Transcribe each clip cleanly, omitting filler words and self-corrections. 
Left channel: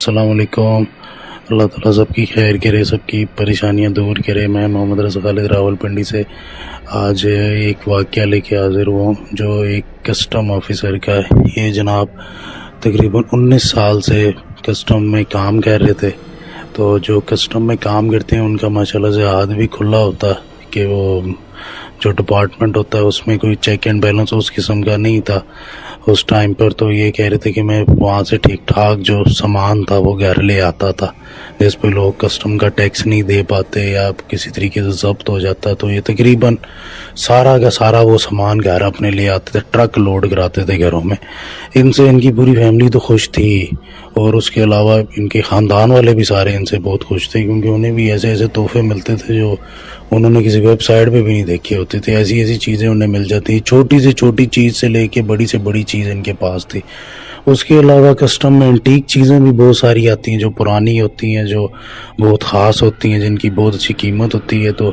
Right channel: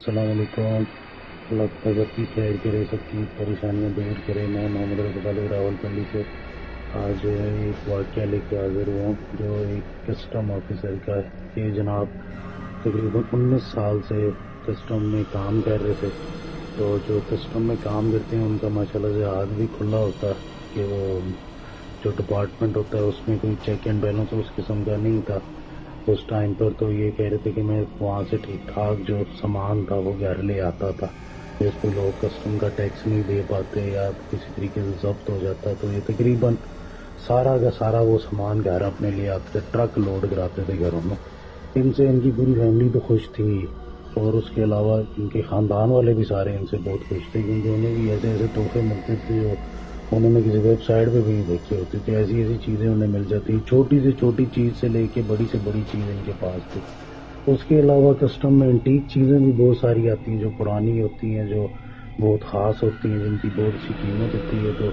السلام علیکم۔ اللہ تعالیٰ سب کی خیر کرے، سب کی پریشانیاں دور کرے۔ میں محمد رضا خالد راول پنڈی سے آج ایک واقعہ لے کے حاضر ہوا ہوں جو ایک کسٹم آفیسر کا ہے۔ یہ جناب تقریباً 19 سال سے کسٹم میں کام کر رہے تھے۔ تو جو کسٹم میں کام کرتے ہیں ان کا ماشاءاللہ سے ہاتھ بھی کھلا ہوتا ہے کہ وہ جو ڈپارٹمنٹ ہوتا ہے اس میں کوئی چیک اینڈ بیلنس اس قسم کا نہیں تھا اس ٹائم پر۔ تو یہ کہہ رہے تھے کہ میں وہاں سے ٹھیک ٹھاک جو سامان تھا وہ گھر لے آتا تھا، جس پہ لوگ کسٹم کا ٹیکس نہیں دے پاتے یا کسی طریقے سے ضبط ہو جاتا، تو یہ تقریباً سارا کا سارا وہ سامان گھر اپنے لے آتے تھے، ٹرک لوڈ کراتے تھے گھروں میں۔ ان سے ان کی پوری فیملی تو خوش تھی، اور اس کے علاوہ ان کے خاندان والے بھی سارے ان سے بہت خوش تھے، کیونکہ انہیں بھی ایسے ایسے تحفے ملتے تھے جو انہوں نے کسی ویب سائٹ پہ بھی نہیں دیکھے ہوتے تھے۔ ایسی ایسی چیزیں انہیں مل جاتی، چھوٹی سے چھوٹی چیز سے لے کے بڑی سے بڑی چیز ان کے پاس تھی۔ اس کے علاوہ کسٹم میں انٹیک چیزیں بھی بہت ساری آتی ہیں جو پرانی ہوتی ہیں، جو بہت خاص ہوتی ہیں، جن کی بہت اچھی قیمت ہوتی ہے۔ تو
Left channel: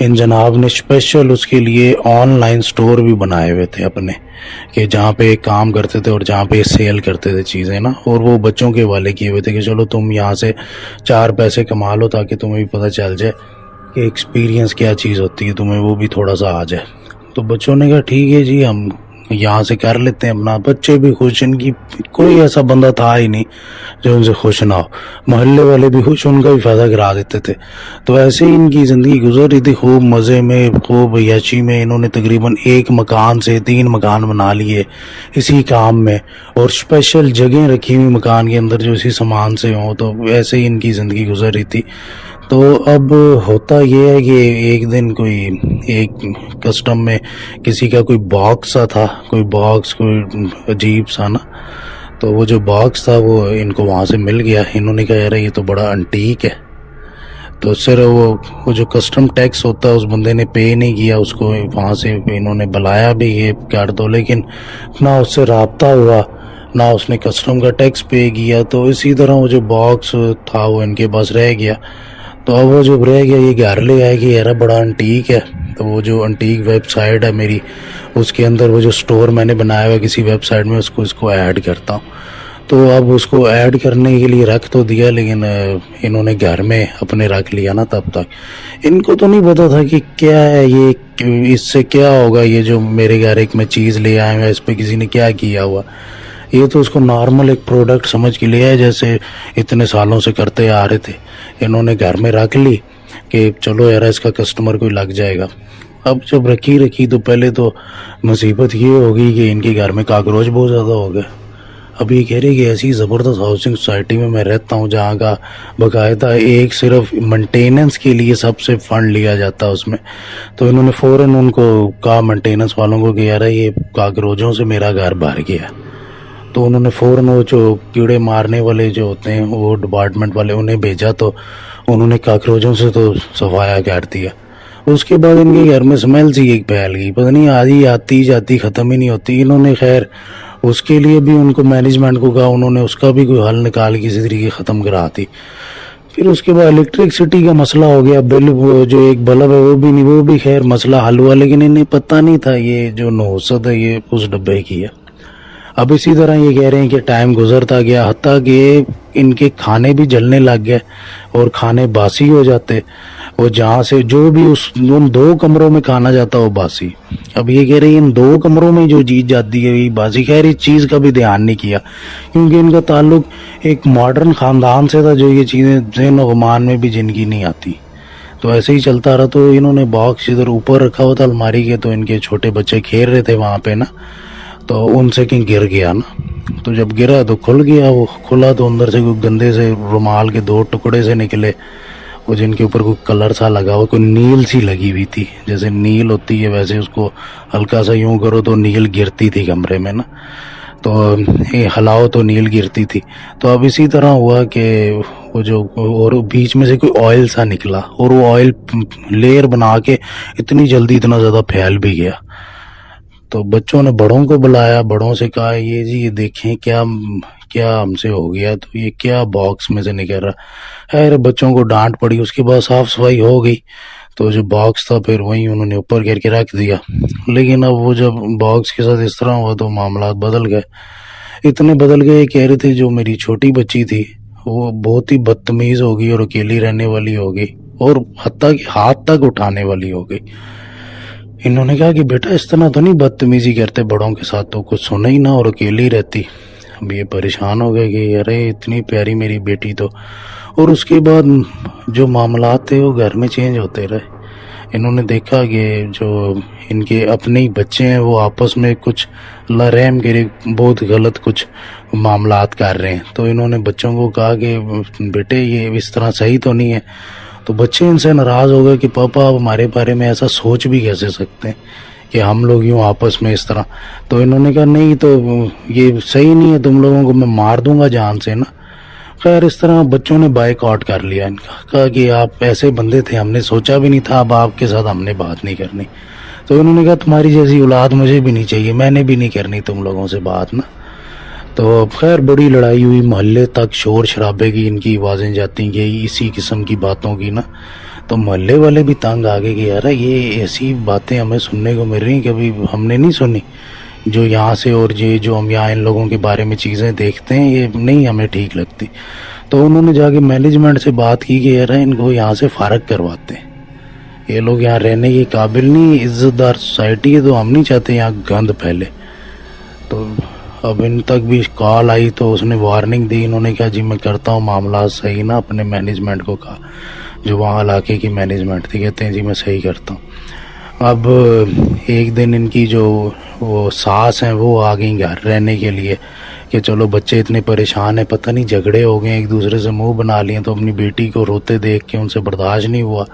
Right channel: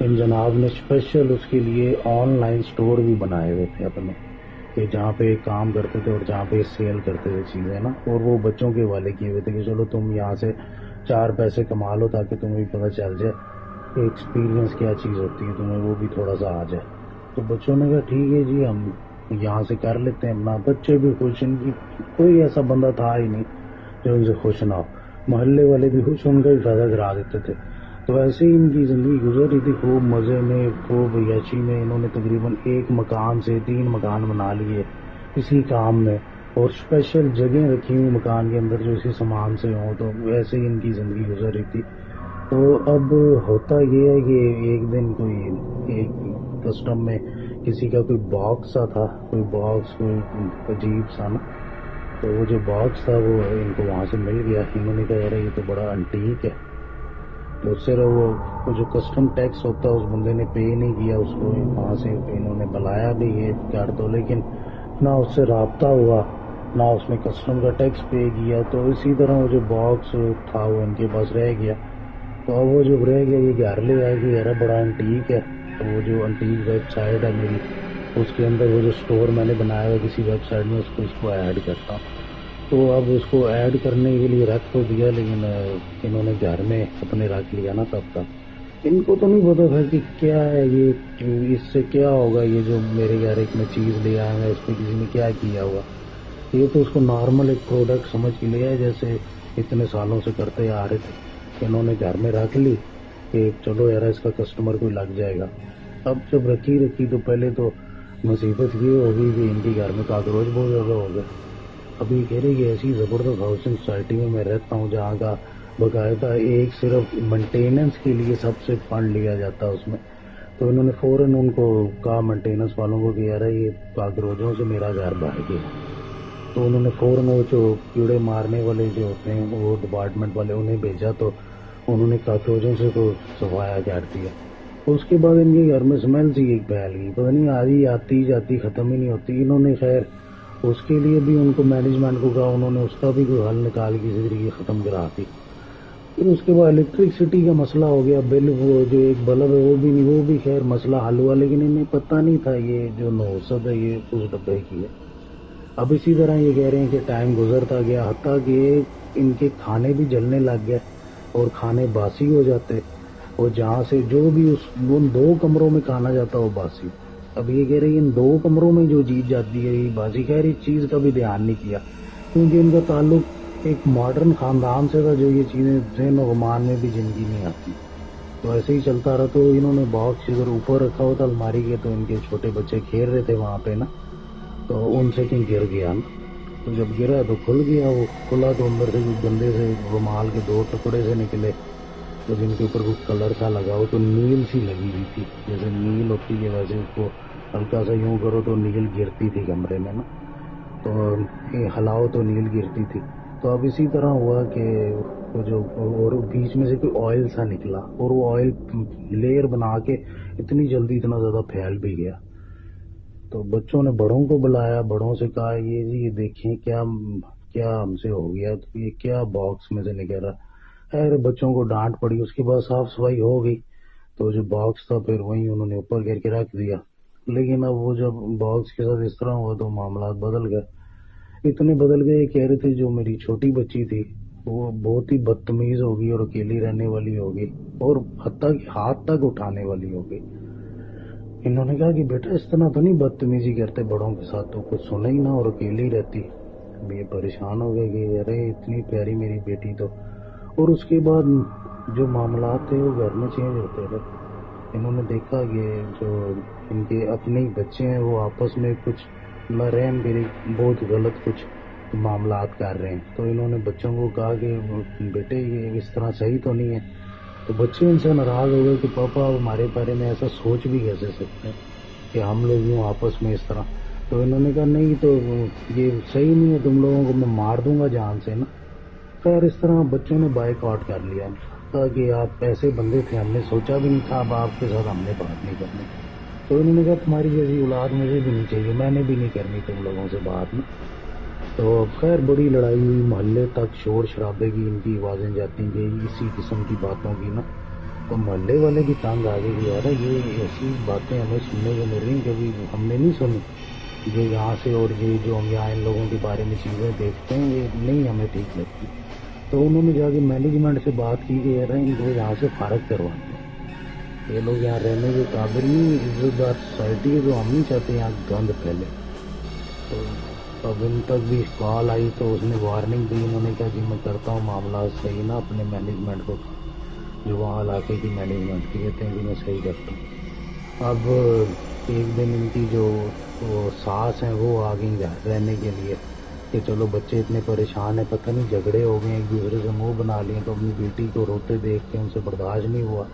ان جناب نے اسپیشل اس کے لیے آن لائن سٹور بھی بنائے ہوئے تھے اپنے، کہ جہاں پہ کام کرتے تھے اور جہاں پہ سیل کرتے تھے چیزیں نا، اور وہ بچوں کے حوالے کیے ہوئے تھے کہ چلو تم یہاں سے 4 پیسے کما لو تاکہ تمہیں بھی پتہ چل جائے کہ ایکسپیرینس کیا چیز ہوتی ہے، تمہیں وہ بھی تھوڑا سا آ جائے۔ تو بچوں نے کہا ٹھیک ہے جی، ہم یہاں سے کر لیتے ہیں اپنا۔ بچے بھی خوش، ان کی کوئی ایسا بندہ تھا ہی نہیں جو ان سے خوش نہ ہو، محلے والے بھی خوش، ان کا بھی فائدہ کرا دیتے تھے۔ تو ایسے ہی ان کی زندگی گزر رہی تھی، خوب مزے میں، خوب عیاشی میں۔ انہوں نے تقریباً 1 مکان سے 3 مکان بنا لیے اسی کام میں، اور اسپیشل جگہیں رکھی ہوئی مکان کے اندر جو اسی سامان سے ہوں۔ تو ایسے ہی ان کی زندگی گزر رہی تھی۔ تو اب ہوتا یہ ہے کہ ایک دن کوئی ایک کسٹم میں کسی کا کوئی باکس سا تھا، کوئی باکس کوئی عجیب سا نا، تو وہ جو باکس تھا وہ ان کو وہاں سے مل گیا۔ انہوں نے کہا یار یہ تو بڑا انٹیک ہے۔ تو صرف وہ جو کسٹم ٹیکس ہوتا ہے اس بندے نے پے نہیں کیا اس کو، وہاں سے انہوں نے بلایا بھی یہ کر دو، لیکن نہ اس سے رابطہ ہوا، نہ اس نے کسٹم کا ٹیکس پے کیا۔ تو اسی طرح وہ جو باکس تھا وہ ان کے پاس رہ گیا۔ تو اب وہ جب رہ گیا، یہ گھر لے آئے کہ یار بڑا انٹیک ہے۔ تو وہ جو انٹیک ویب سائٹ ہے میری، اس کے اندر وہ جو سٹور میں نے بنایا ہوا کسی ویب سائٹ میں، اس کو ایڈ کرتا ہوں۔ تو اب اس کو ایڈ کرنے کے لیے رکھ تو دیا، لیکن انہوں نے گھر میں اپنے رکھ لیا نا، تب تک ان کو تو نہیں پتا تھا کہ کیا ہے یہ، اس سے کیا ہوگا، یہ جو میرے گھر ایک میں چیز لے آئے ہیں اس پہ کسی نے کیا کیا ہوا۔ یہ تو اس کو نارمل ایک پروڈکٹ سمجھ کے لیا ہے، جیسے اتنے سالوں سے کرتے آ رہے تھے۔ انہوں نے گھر میں رکھ لی کہ چلو یار اس کا کسٹمر کوئی لگ جائے گا۔ اب جب رکھی تو پہلے تو مصیبت یہ ہوگی کہ ان کے گھر میں کاکروچ بہت زیادہ ہو گئے۔ اب یہ کہہ رہے کہ ایسی زبردست ہاؤسنگ سوسائٹی میں رہتا ہوں جہاں کا باقاعدہ ایک صرف مینٹیننس کے لیے سب سے فنڈ لیا جاتا ہے اس میں۔ تو انہوں نے فوراً ان کو کہا مینٹیننس والوں کو کہ یار یہ کاکروچوں سے میرا گھر بھر گیا ہے۔ تو انہوں نے فوراً وہ جو کیڑے مارنے والے جو ہوتے ہیں وہ ڈپارٹمنٹ والے انہیں بھیجا، تو انہوں نے کاکروچوں سے تو صفایا کر دیا۔ اس کے بعد ان کے گھر میں سمیل سی ایک پھیل گئی، پتہ نہیں آدھی آتی جاتی ختم ہی نہیں ہوتی۔ انہوں نے خیر اس کے لیے بھی ان کو مینجمنٹ کو کہا، انہوں نے اس کا بھی کوئی حل نکال کے کسی طریقے ختم کرا دی۔ پھر اس کے بعد الیکٹرکسٹی کا مسئلہ ہو گیا، بل وہ جو ایک بلب ہے وہ بھی نہیں، وہ بھی خیر مسئلہ حل ہوا، لیکن انہیں پتہ نہیں تھا یہ جو نحوست ہے یہ اس ڈبے کی ہے۔ اب اسی طرح یہ کہہ رہے ہیں کہ ٹائم گزرتا گیا، حتیٰ کہ ان کے کھانے بھی جلنے لگ گئے اور کھانے باسی ہو جاتے، اور جہاں سے جو بھی ان 2 کمروں میں کھانا جاتا وہ باسی۔ اب یہ کہہ رہے ہیں ان 2 کمروں میں جو چیز جاتی ہے یہ باسی۔ خیر اس چیز کا بھی دھیان نہیں کیا، کیونکہ ان کا تعلق ایک ماڈرن خاندان سے تھا جو یہ چیزیں ذہن و گمان میں بھی جن کی نہیں آتی۔ تو ایسے ہی چلتا رہا۔ تو انہوں نے باکس ادھر اوپر رکھا ہوا تھا الماری کے، تو ان کے چھوٹے بچے کھیل رہے تھے وہاں پہ نا، تو ان سے کہیں گر گیا نا۔ تو جب گرا تو کھل گیا، وہ کھلا تو اندر سے کوئی گندے سے رومال کے 2 ٹکڑے سے نکلے، وہ جن کے اوپر کوئی کلر سا لگا ہوا، کوئی نیل سی لگی ہوئی تھی، جیسے نیل ہوتی ہے ویسے اس کو ہلکا سا یوں کرو تو نیل گرتی تھی کمرے میں نا، تو ہلاؤ تو نیل گرتی تھی۔ تو اب اسی طرح ہوا کہ وہ جو اور بیچ میں سے کوئی آئل سا نکلا، اور وہ آئل لیئر بنا کے اتنی جلدی اتنا زیادہ پھیل بھی گیا۔ تو بچوں نے بڑوں کو بلایا، بڑوں سے کہا یہ جی یہ دیکھیں کیا ہم سے ہو گیا، تو یہ کیا باکس میں سے نکل رہا۔ خیر بچوں کو ڈانٹ پڑی، اس کے بعد صاف صفائی ہو گئی۔ تو جو باکس تھا پھر وہیں انہوں نے اوپر کر کے رکھ دیا، لیکن اب وہ جب باکس کے ساتھ اس طرح ہوا تو معاملات بدل گئے، اتنے بدل گئے۔ کہہ رہے تھے جو میری چھوٹی بچی تھی وہ بہت ہی بدتمیز ہوگی اور اکیلی رہنے والی ہوگی اور حتیٰ کہ ہاتھ تک اٹھانے والی ہوگی۔ انہوں نے کہا کہ بیٹا اس طرح تو نہیں بدتمیزی کرتے بڑوں کے ساتھ، تو کچھ سنا ہی نہ اور اکیلی رہتی۔ اب یہ پریشان ہو گئے کہ ارے اتنی پیاری میری بیٹی تو، اور اس کے بعد جو معاملات تھے وہ گھر میں چینج ہوتے رہے۔ انہوں نے دیکھا کہ جو ان کے اپنے ہی بچے ہیں وہ آپس میں کچھ اللہ رحم کرے بہت غلط کچھ معاملات کر رہے ہیں، تو انہوں نے بچوں کو کہا کہ بیٹے یہ اس طرح صحیح تو نہیں ہے۔ تو بچے ان سے ناراض ہو گئے کہ پاپا آپ ہمارے بارے میں ایسا سوچ بھی کیسے سکتے ہیں کہ ہم لوگ یوں آپس میں اس طرح۔ تو انہوں نے کہا نہیں تو یہ صحیح نہیں ہے، تم لوگوں کو میں مار دوں گا جان سے نا۔ خیر اس طرح بچوں نے بائک آؤٹ کر لیا ان کا، کہا کہ آپ ایسے بندے تھے، ہم نے سوچا بھی نہیں تھا، اب آپ کے ساتھ ہم نے بات نہیں کرنی۔ تو انہوں نے کہا تمہاری جیسی اولاد مجھے بھی نہیں چاہیے، میں نے بھی نہیں کرنی تم لوگوں سے بات نا۔ تو خیر بڑی لڑائی ہوئی، محلے تک شور شرابے کی ان کی آوازیں جاتی گئی اسی قسم کی باتوں کی نا۔ تو محلے والے بھی تنگ آ گئے کہ یار یہ ایسی باتیں ہمیں سننے کو مل رہی کبھی ہم نے نہیں سنی، جو یہاں سے اور یہ جو ہم یہاں ان لوگوں کے بارے میں چیزیں دیکھتے ہیں یہ نہیں ہمیں ٹھیک لگتی۔ تو انہوں نے جا کے مینجمنٹ سے بات کی کہ یار ان کو یہاں سے فارغ کرواتے ہیں، یہ لوگ یہاں رہنے کے قابل نہیں، عزت دار سوسائٹی ہے تو ہم نہیں چاہتے یہاں گند پھیلے۔ تو اب ان تک بھی کال آئی تو اس نے وارننگ دی، انہوں نے کہا جی میں کرتا ہوں معاملات صحیح نا، اپنے مینجمنٹ کو کہا جو وہاں علاقے کی مینجمنٹ تھی، کہتے ہیں جی میں صحیح کرتا ہوں۔ اب ایک دن ان کی جو وہ ساس ہیں وہ آ گئیں گھر رہنے کے لیے کہ چلو بچے اتنے پریشان ہیں، پتہ نہیں جھگڑے ہو گئے ایک دوسرے سے منہ بنا لیے، تو اپنی بیٹی کو روتے دیکھ کے ان سے برداشت نہیں ہوا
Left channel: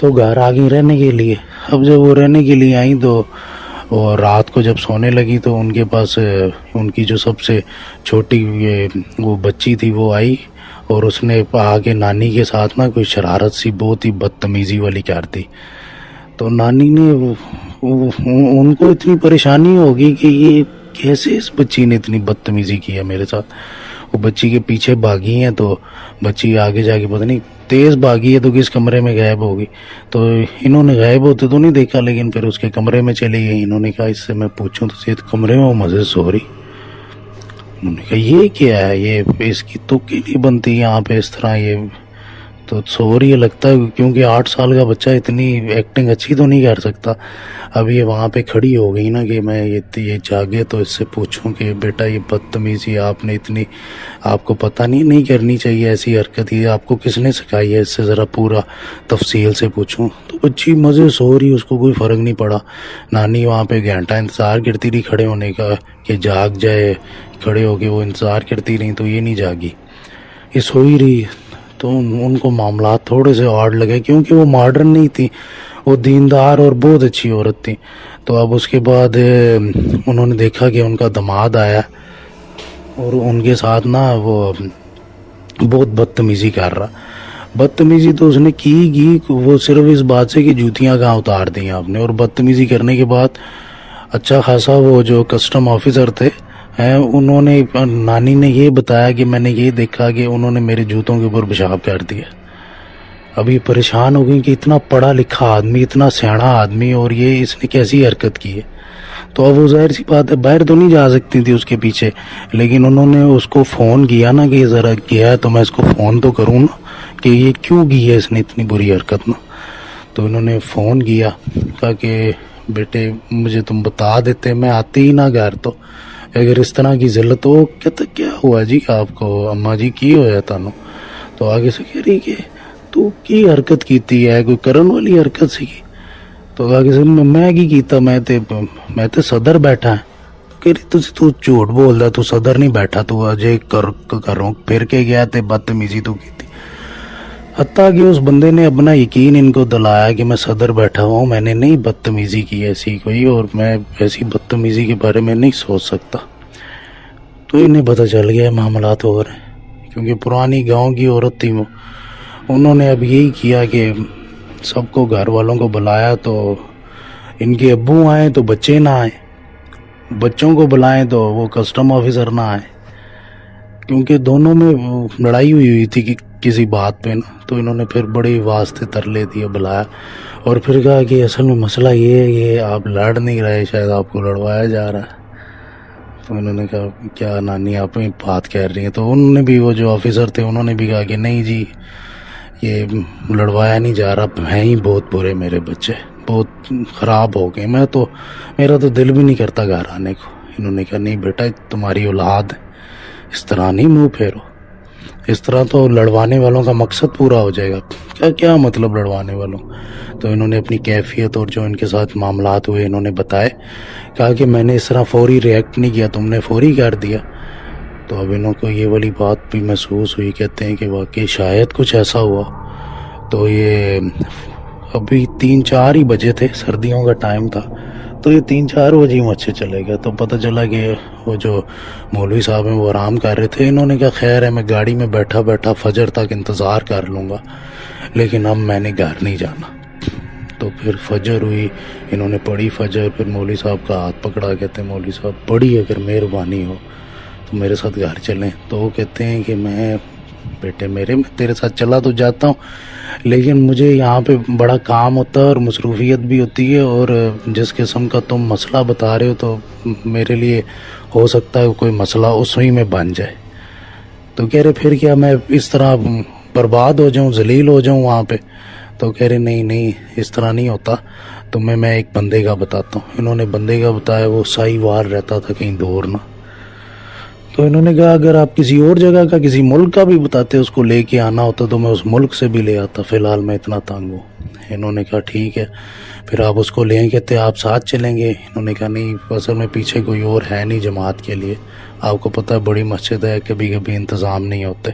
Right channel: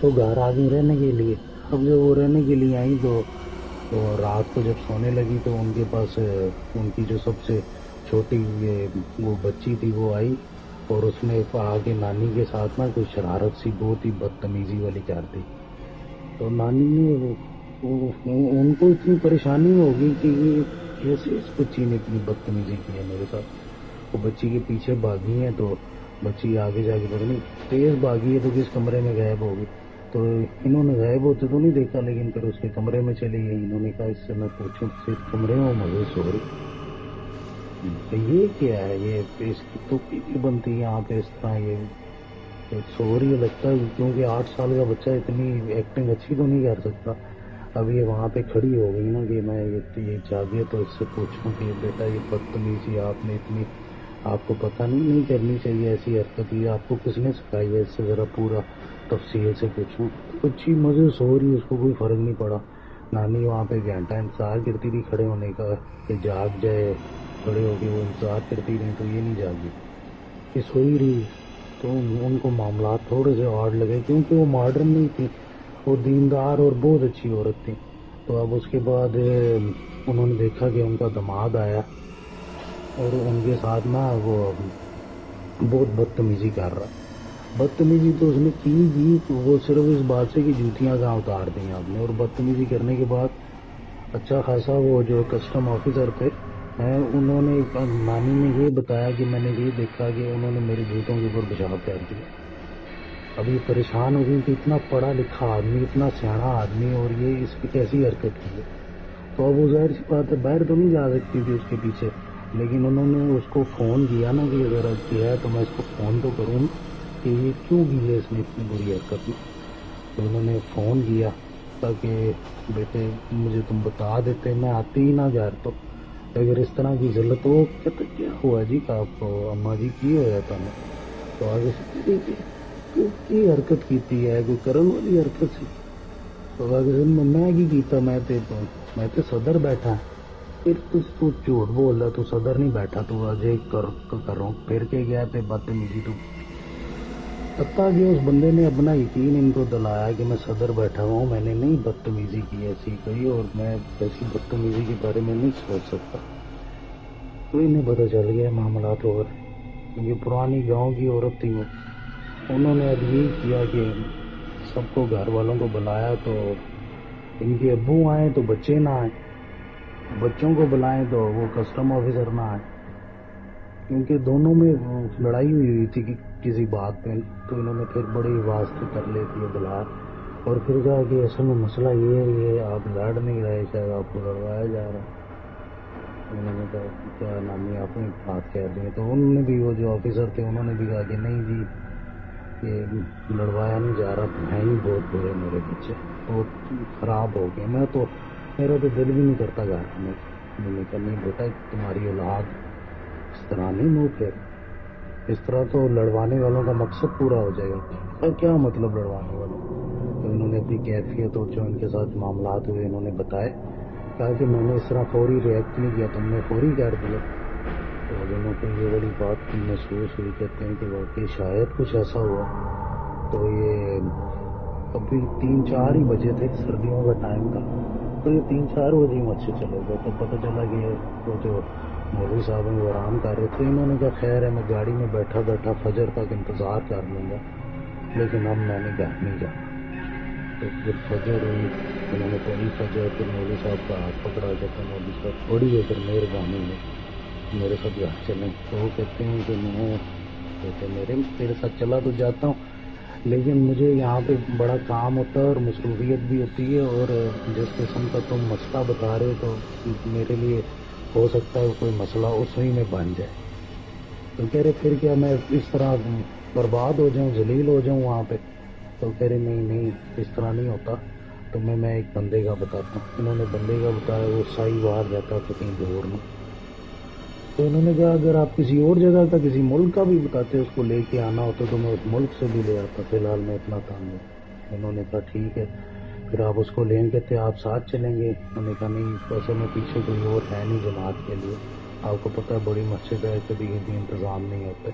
تو گھر آ گئی رہنے کے لیے۔ اب جب وہ رہنے کے لیے آئیں تو وہ رات کو جب سونے لگی تو ان کے پاس ان کی جو سب سے چھوٹی وہ بچی تھی وہ آئی اور اس نے آگے نانی کے ساتھ نا کوئی شرارت سی بہت ہی بدتمیزی والی کر دی۔ تو نانی نے ان کو اتنی پریشانی ہوگی کہ یہ کیسے اس بچی نے اتنی بدتمیزی کی ہے میرے ساتھ۔ وہ بچی کے پیچھے بھاگی ہیں تو بچی آگے جا کے پتہ نہیں تیز بھاگی ہے تو کس کمرے میں غائب ہوگی، تو انہوں نے غائب ہوتے تو نہیں دیکھا لیکن پھر اس کے کمرے میں چلی گئی۔ انہوں نے کہا اس سے میں پوچھوں تو صرف کمرے میں وہ مزے سو رہی۔ انہوں نے کہا یہ کیا ہے، یہ اس کی تک ہی نہیں بنتی یہاں پہ اس طرح، یہ تو سو رہی ہے لگتا ہے کیونکہ 8 سال کا بچہ اتنی ایکٹنگ اچھی تو نہیں کر سکتا۔ اب یہ وہاں پہ کھڑی ہو گئی نا کہ میں یہ جاگے تو اس سے پوچھوں کہ بیٹا یہ بدتمیزی آپ نے اتنی، آپ کو پتہ نہیں کرنی چاہیے ایسی حرکت، یہ آپ کو کس نے سکھائی ہے، اس سے ذرا پورا تفصیل سے پوچھوں۔ تو بچی مزے سو رہی، اس کو کوئی فرق نہیں پڑا۔ نانی وہاں پہ گھنٹہ انتظار کرتی رہی کھڑے ہونے کا کہ جاگ جائے، کھڑے ہو کے وہ انتظار کرتی رہی تو یہ نہیں جاگی، یہ سوئی رہی۔ تو ان کو معاملات تھوڑے سے آڈ لگے کیونکہ وہ ماڈرن نہیں تھی، وہ دیندار اور بہت اچھی عورت تھی۔ تو اب اس کے بعد انہوں نے دیکھا کہ ان کا داماد آیا اور ان کے ساتھ نا وہ بہت بدتمیزی کر رہا۔ بدتمیزی تو اس نے کی وہ صرف اس بات سے کہ جوتیاں کہاں اتار دیں آپ نے، اور بدتمیزی کرنے کے بعد اچھا خاصا وہ جو کسٹم آفیسر تھے انہوں نے، نانی نے یہ بتایا کہ میں نے یہ دیکھا کہ انہوں نے میرے جوتوں کے اوپر پیشاب کر دیا۔ ابھی پریشان ہو گئی کہ اتنا پڑھا لکھا آدمی، اتنا سیاڑا آدمی، اور یہ اس نے کیسی حرکت کی ہے۔ تو اب وہ ظاہر سی بات ہے باہر تو نہیں جا سکتی تھی اس کے پیچھے، لیکن انہوں نے اس کو فون کیا نا کہ ذرا کیا ہے تو میں اس کو فون تو کروں نا کہ یہ کیوں کی ہے اس نے اتنی بری حرکت نا۔ تو انہوں نے فون کیا، کہا کہ بیٹے مجھے تم بتا دیتے میں آتی ہی نہ گھر، تو اگر اس طرح کی ذلت ہو کہتا کیا ہوا جی آپ کو اماں جی کی ہویا تانوں؟ تو آگے سے کہہ رہی کہ تو کی حرکت کیتی ہے، کوئی کرن والی حرکت سی کی؟ تو آگے سے میں کی کیتا، میں تے صدر بیٹھا ہے۔ کہہ رہی تو جھوٹ بولدا، تو صدر نہیں بیٹھا، تو اجے کروں پھر کے گیا تے بدتمیزی تو کیتی۔ حتیٰ کہ اس بندے نے اپنا یقین ان کو دلایا کہ میں صدر بیٹھا ہوں، میں نے نہیں بدتمیزی کی ایسی کوئی، اور میں ایسی بدتمیزی کے بارے میں نہیں سوچ سکتا۔ تو انہیں پتہ چل گیا معاملات ہو رہے ہیں، کیونکہ پرانی گاؤں کی عورت تھی وہ۔ انہوں نے اب یہی کیا کہ سب کو گھر والوں کو بلایا، تو ان کے ابو آئیں تو بچے نہ آئیں، بچوں کو بلائیں تو وہ کسٹم آفیسر نہ آئیں، کیونکہ دونوں میں لڑائی ہوئی تھی کہ کسی بات پہ نا۔ تو انہوں نے پھر بڑے واسطے ترلے دیے، بلایا اور پھر کہا کہ اصل میں مسئلہ یہ ہے، یہ آپ لڑ نہیں رہے، شاید آپ کو لڑوایا جا رہا ہے۔ تو انہوں نے کہا کیا نانی آپ بات کہہ رہی ہیں؟ تو انہوں نے بھی، وہ جو آفیسر تھے انہوں نے بھی کہا کہ نہیں جی یہ لڑوایا نہیں جا رہا، ہیں ہی بہت برے میرے بچے، بہت خراب ہو گئے، میرا تو دل بھی نہیں کرتا گھر آنے کو۔ انہوں نے کہا نہیں بیٹا تمہاری اولاد ہے، اس طرح نہیں منہ پھیرو، اس طرح تو لڑوانے والوں کا مقصد پورا ہو جائے گا۔ کیا مطلب لڑوانے والوں؟ تو انہوں نے اپنی کیفیت اور جو ان کے ساتھ معاملات ہوئے انہوں نے بتائے، کہا کہ میں نے اس طرح فوری ریئیکٹ نہیں کیا، تم نے فوری کر دیا۔ تو اب انہوں کو یہ والی بات بھی محسوس ہوئی، کہتے ہیں کہ واقعی شاید کچھ ایسا ہوا۔ تو یہ ابھی 3-4 ہی بجے تھے، سردیوں کا ٹائم تھا، تو یہ 3-4 بجے ہی مچھر چلے گئے۔ تو پتہ چلا کہ وہ جو مولوی صاحب ہیں وہ آرام کر رہے تھے۔ انہوں نے کہا خیر ہے میں گاڑی میں بیٹھا بیٹھا فجر تک انتظار کر لوں گا، لیکن اب میں نے گھر نہیں جانا۔ تو پھر فجر ہوئی، انہوں نے پڑھی فجر، پھر مولوی صاحب کا ہاتھ پکڑا، کہتے ہیں مولوی صاحب بڑی اگر مہربانی ہو تو میرے ساتھ گھر چلیں۔ تو وہ کہتے ہیں کہ میں بیٹے میرے میں تیرے ساتھ چلا تو جاتا ہوں، لیکن مجھے یہاں پہ بڑا کام ہوتا ہے اور مصروفیت بھی ہوتی ہے، اور جس قسم کا تم مسئلہ بتا رہے ہو تو میرے لیے ہو سکتا ہے کوئی مسئلہ اسی میں بن جائے۔ تو کہہ رہے پھر کیا میں اس طرح برباد ہو جاؤں، ذلیل ہو جاؤں وہاں پہ؟ تو کہہ رہے نہیں اس طرح نہیں ہوتا، تمہیں میں ایک بندے کا بتاتا ہوں۔ انہوں نے بندے کا بتایا، وہ سائی وار رہتا تھا کہیں دور نہ۔ تو انہوں نے کہا اگر آپ کسی اور جگہ کا، کسی ملک کا بھی بتاتے اس کو لے کے آنا ہوتا تو میں اس ملک سے بھی لے آتا، فی الحال میں اتنا تنگ ہوں۔ انہوں نے کہا ٹھیک ہے پھر آپ اس کو لیں، کہتے آپ ساتھ چلیں گے؟ انہوں نے کہا نہیں اصل میں پیچھے کوئی اور ہے نہیں جماعت کے لیے، آپ کو پتہ ہے بڑی مسجد ہے، کبھی کبھی انتظام نہیں ہوتے۔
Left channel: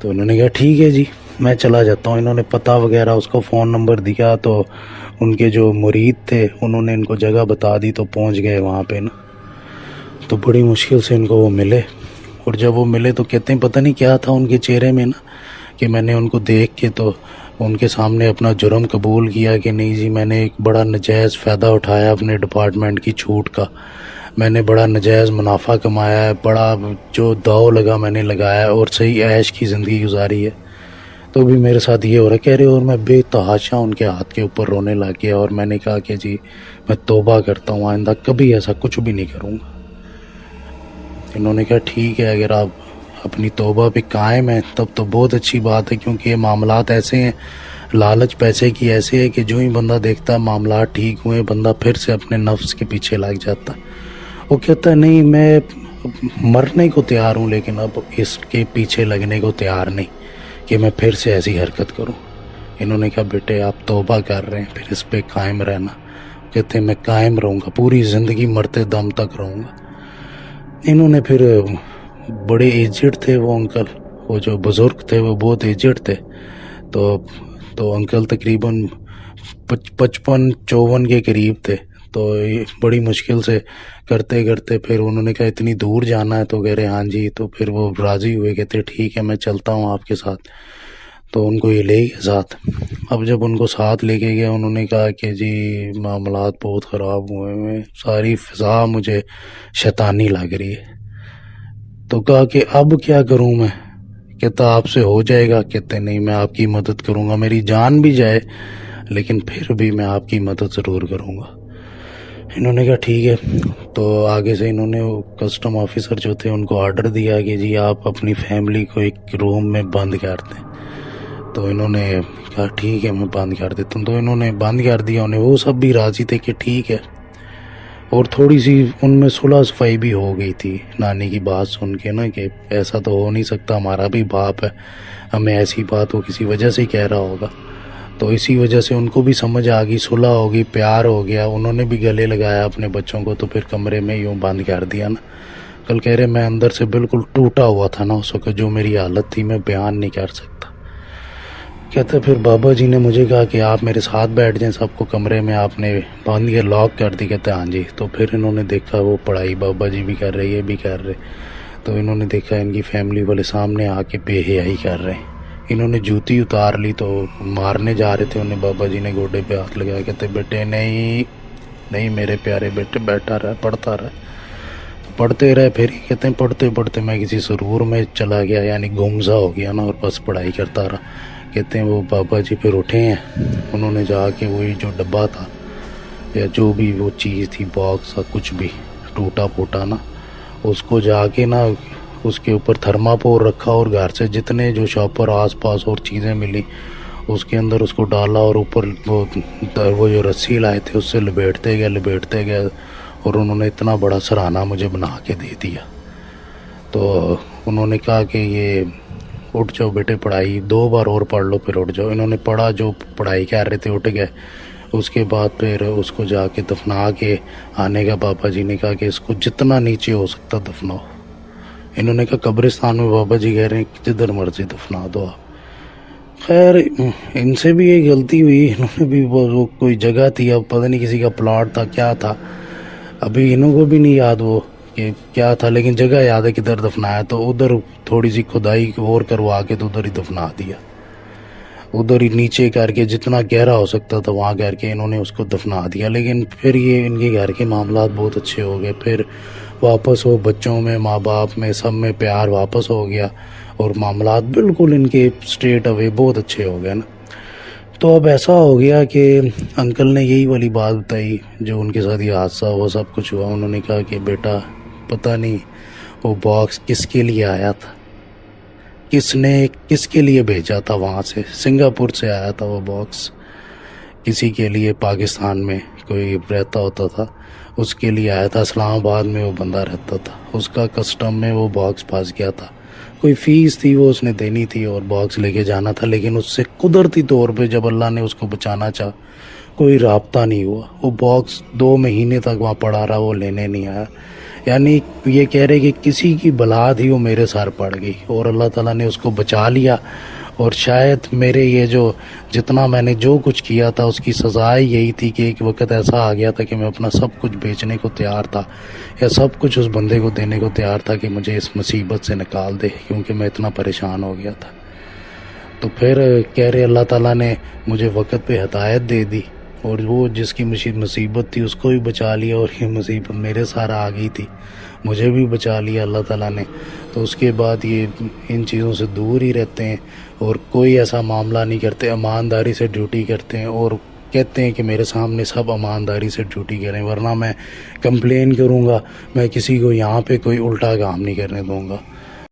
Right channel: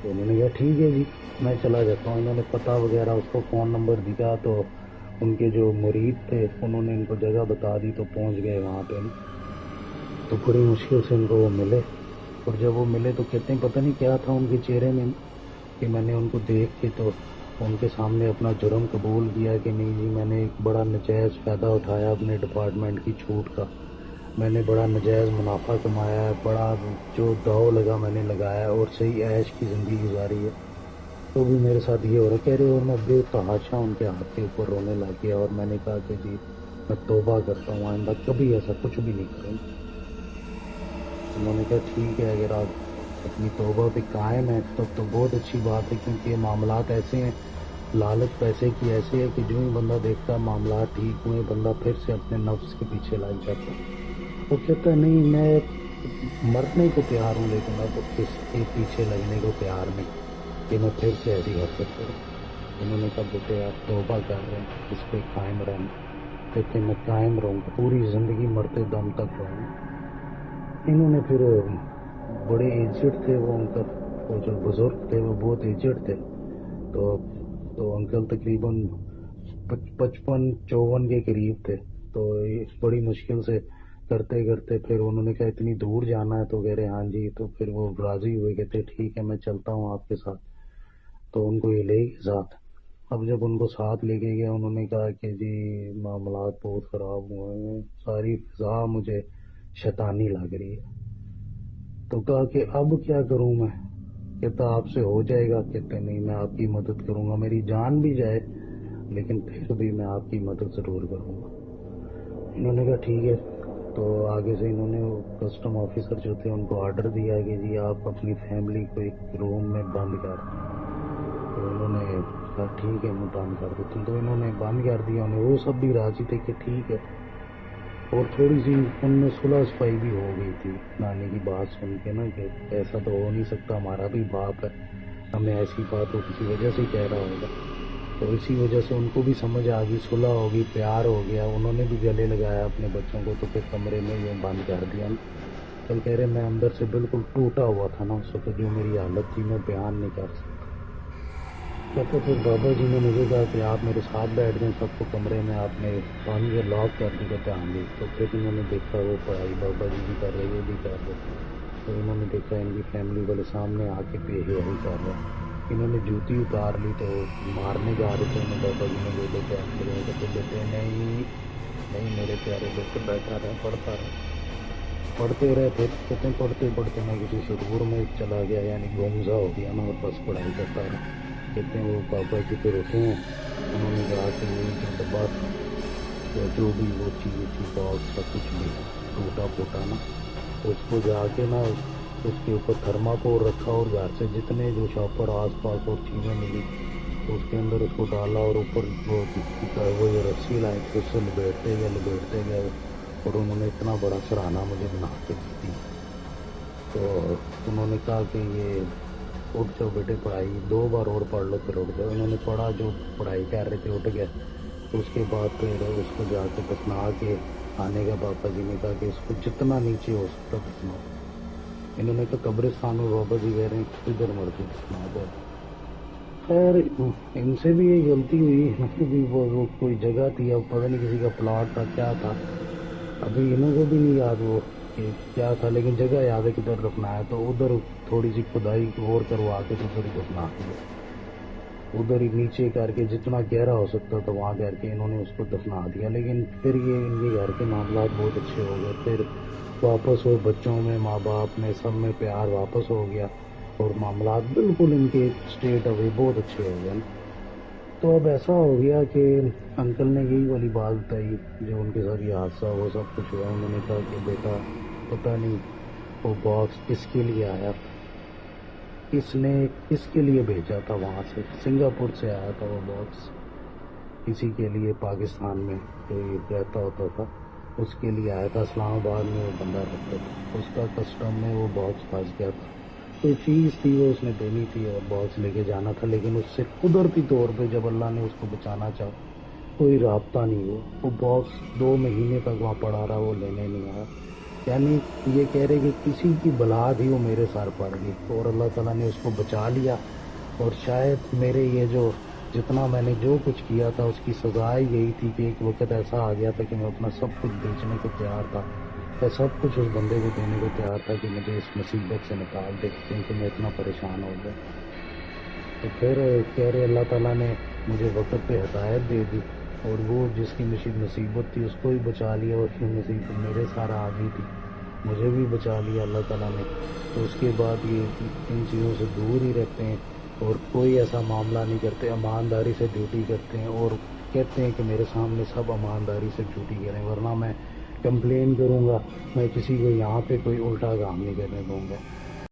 تو انہوں نے کہا ٹھیک ہے جی میں چلا جاتا ہوں۔ انہوں نے پتہ وغیرہ اس کو فون نمبر دیا، تو ان کے جو مرید تھے انہوں نے ان کو جگہ بتا دی، تو پہنچ گئے وہاں پہ نا۔ تو بڑی مشکل سے ان کو وہ ملے، اور جب وہ ملے تو کہتے ہیں پتہ نہیں کیا تھا ان کے چہرے میں نا، کہ میں نے ان کو دیکھ کے تو ان کے سامنے اپنا جرم قبول کیا کہ نہیں جی میں نے ایک بڑا نجائز فائدہ اٹھایا اپنے ڈپارٹمنٹ کی چھوٹ کا، میں نے بڑا نجائز منافع کمایا ہے، بڑا جو داؤ لگا میں نے لگایا اور صحیح عیش کی زندگی گزاری ہے۔ تو بھی میرے ساتھ یہ ہو رہا ہے، کہہ رہے اور میں بے تحاشا ان کے ہاتھ کے اوپر رونے لگ گیا، اور میں نے کہا کہ جی میں توبہ کرتا ہوں آئندہ کبھی ایسا کچھ بھی نہیں کروں گا۔ انہوں نے کہا ٹھیک ہے اگر آپ اپنی توبہ پہ قائم ہیں تب تو بہت اچھی بات ہے، کیونکہ یہ معاملات ایسے ہیں، لالچ پیسے کی ایسے ہے کہ جو ہی بندہ دیکھتا ہے معاملات ٹھیک ہوئے بندہ پھر سے اپنے نفس کے پیچھے لگ جاتا۔ وہ کہتا ہے نہیں میں مرنے کو تیار ہوں، لیکن اب اس کے پیچھے لگنے کو تیار نہیں کہ میں پھر سے ایسی حرکت کروں۔ انہوں نے کہا بیٹے آپ توبہ کر رہے ہیں پھر اس پہ قائم رہنا۔ کہتے ہیں میں قائم رہوں گا، پوری زندگی مرتے دم تک رہوں گا۔ انہوں نے پھر بڑے ایجڈ تھے وہ انکل، وہ جو بزرگ تھے وہ بہت ایجڈ تھے، تو انکل تقریباً 55-54 کے قریب تھے۔ تو بڑی مشکل سے کرتے کرتے پھر انہوں نے کہا اتنی دور جانا ہے، تو کہہ رہے ہاں جی، تو پھر وہ راضی ہوئے، کہتے ٹھیک ہے میں چلتا ہوں آپ کے ساتھ۔ تو ان کو یہ لے گئے ساتھ۔ اب جب ان کو ساتھ لے کے گیا انہوں نے کہا کہ جی معاملات بہت خراب ہوئے ہیں، ساری فضا مجھے شیطانی لگ رہی ہے۔ تو کہا کہ اب کیا کروں میں؟ کہتا آپ سے ہو جائے گا؟ کہتے نہیں میں آپ کی مدد کروں گا، میری جان بھی جائے لیکن پھر بھی میں آپ کی مدد ضرور کروں گا۔ انہوں نے کہا ٹھیک ہے۔ تو آگے سے انہوں نے کسٹم آفیسر جو تھے ان کو آرڈر دیا کہ جی آپ اپنی فیملی کو ایک روم میں بند کر دیں۔ تو انہوں نے کہا ٹھیک ہے میں بند کر دیتا ہوں۔ تو انہوں نے بند کر دیا انہیں، وہ سب بھی راضی تھے کہ ٹھیک ہے، اور تھوڑی سی ان میں صلح صفائی بھی ہو گئی تھی نانی کی بات سن کے نا، کہ ایسا تو ہو نہیں سکتا، ہمارا بھی باپ ہے، ہمیں ایسی بات وہ کسی وجہ سے کہہ رہا ہوگا۔ تو اسی وجہ سے ان کو بھی سمجھ آ گئی، صلح ہو گئی، پیار ہو گیا، انہوں نے بھی گلے لگایا اپنے بچوں کو، تو پھر کمرے میں یوں بند کر دیا نا۔ کل کہہ رہے میں اندر سے بالکل ٹوٹا ہوا تھا نا اس وقت، جو میری حالت تھی میں بیان نہیں کر سکتا۔ کہتا پھر بابا جی نے مجھے کہا کہ آپ میرے ساتھ بیٹھ جائیں، سب کو کمرے میں آپ نے بند کے لاک کر دی۔ کہتے ہاں جی۔ تو پھر انہوں نے دیکھا وہ پڑھائی بابا جی بھی کر رہے، یہ بھی کر رہے، تو انہوں نے دیکھا ان کی فیملی والے سامنے آ کے بے حیائی کر رہے ہیں۔ انہوں نے جوتی اتار لی تو مارنے جا رہے تھے انہیں، بابا جی نے گوڈے پہ ہاتھ لگایا، کہتے بیٹے نہیں میرے پیارے بیٹے، بیٹھا رہا پڑھتا رہا، پڑھتے رہے۔ پھر کہتے ہیں پڑھتے پڑھتے میں کسی سرور میں چلا گیا، یعنی گمزا ہو گیا نا، اور بس پڑھائی کرتا رہا۔ کہتے ہیں وہ بابا جی پھر اٹھے ہیں، انہوں نے جا کے وہی جو ڈبہ تھا یا جو بھی وہ چیز تھی، باکس تھا، کچھ بھی ٹوٹا پھوٹا نا، اس کو جا کے نا اس کے اوپر تھرماپور رکھا اور گھر سے جتنے جو شاپر آس پاس اور چیزیں ملی اس کے اندر اس کو ڈالا اور اوپر وہ جو رسی لائے تھے اس سے لپیٹتے گئے اور انہوں نے اتنا بڑا سرہانہ مجھے بنا کے دے دیا. تو انہوں نے کہا کہ یہ اٹھ جاؤ بیٹے، پڑھائی 2 بار اور پڑھ لو پھر اٹھ جاؤ. انہوں نے پڑھا، جو پڑھائی کر رہے تھے اٹھ گئے. اس کے بعد پھر اس کو جا کے دفنا کے آنے کا پاپا جی نے کہا کہ اس کو جتنا نیچے ہو سکتا دفناؤ. انہوں نے کہا قبرستان میں پاپا جی کہہ رہے ہیں جدھر مرضی دفنا دو آپ. خیر ان سے بھی یہ غلطی ہوئی، انہوں نے بھی وہ کوئی جگہ تھی، اب پتہ نہیں کسی کا پلاٹ تھا کیا تھا، ابھی انہوں کو بھی نہیں یاد وہ کہ کیا تھا، لیکن جگہ یاد ہے کدھر دفنایا. تو ادھر تھوڑی سی کھدائی اور کروا کے تو ادھر ہی دفنا دیا. ادھر ہی نیچے کر کے جتنا گہرا ہو سکتا تھا وہاں کر کے انہوں نے اس کو دفنا دیا. لیکن پھر یہ ان کے گھر کے معاملات بہت اچھے ہو گئے، پھر واپس وہ بچوں میں ماں باپ میں سب میں پیار واپس ہو گیا اور معاملات بالکل ان کے اسٹریٹ اوے بہت اچھے ہو گئے نا. تو اب ایسا ہو گیا کہ انکل نے یہی والی بات بتائی جو ان کے ساتھ یہ حادثہ وہ سب کچھ ہوا. انہوں نے کہا کہ بیٹا پتہ نہیں وہ باکس کس کے لیے آیا تھا، کس کے لیے بھیجا تھا، وہاں سے سنگاپور سے آیا تھا وہ باکس، کسی کے لیے پاکستان میں کوئی رہتا ہوتا تھا اس کے لیے آیا تھا. اسلام آباد میں وہ بندہ رہتا تھا، اس کا کسٹم میں وہ باکس پھنس گیا تھا، کوئی فیس تھی وہ اس نے دینی تھی اور باکس لے کے جانا تھا. لیکن اس سے قدرتی طور پہ جب اللہ نے اس کو بچانا چاہا کوئی رابطہ نہیں ہوا. وہ باکس 2 مہینے تک وہاں پڑا رہا، وہ لینے نہیں آیا. یعنی یہ کہہ رہے کہ کسی کی بلا تھی وہ میرے سر پڑ گئی اور اللہ تعالیٰ نے اس کو بچا لیا. اور شاید میرے یہ جو جتنا میں نے جو کچھ کیا تھا اس کی سزا یہی تھی کہ ایک وقت ایسا آ گیا تھا کہ میں اپنا سب کچھ بیچنے کو تیار تھا یا سب کچھ اس بندے کو دینے کو تیار تھا کہ مجھے اس مصیبت سے نکال دے، کیونکہ میں اتنا پریشان ہو گیا تھا. تو پھر کہہ رہے اللہ تعالیٰ نے مجھے وقت پہ ہدایت دے دی اور وہ جس کی مصیبت تھی اس کو بھی بچا لیا اور یہ مصیبت میرے سارا آ گئی تھی، مجھے بھی بچا لیا اللہ تعالیٰ نے. تو اس کے بعد یہ ان چیزوں سے دور ہی رہتے ہیں اور کوئی ایسا معاملہ نہیں کرتے، ایمانداری سے ڈیوٹی کرتے ہیں اور کہتے ہیں کہ میرے سامنے سب ایمانداری سے ڈیوٹی کریں ورنہ میں کمپلین کروں گا، میں کسی کو یہاں پہ کوئی الٹا کام نہیں کرنے دوں گا.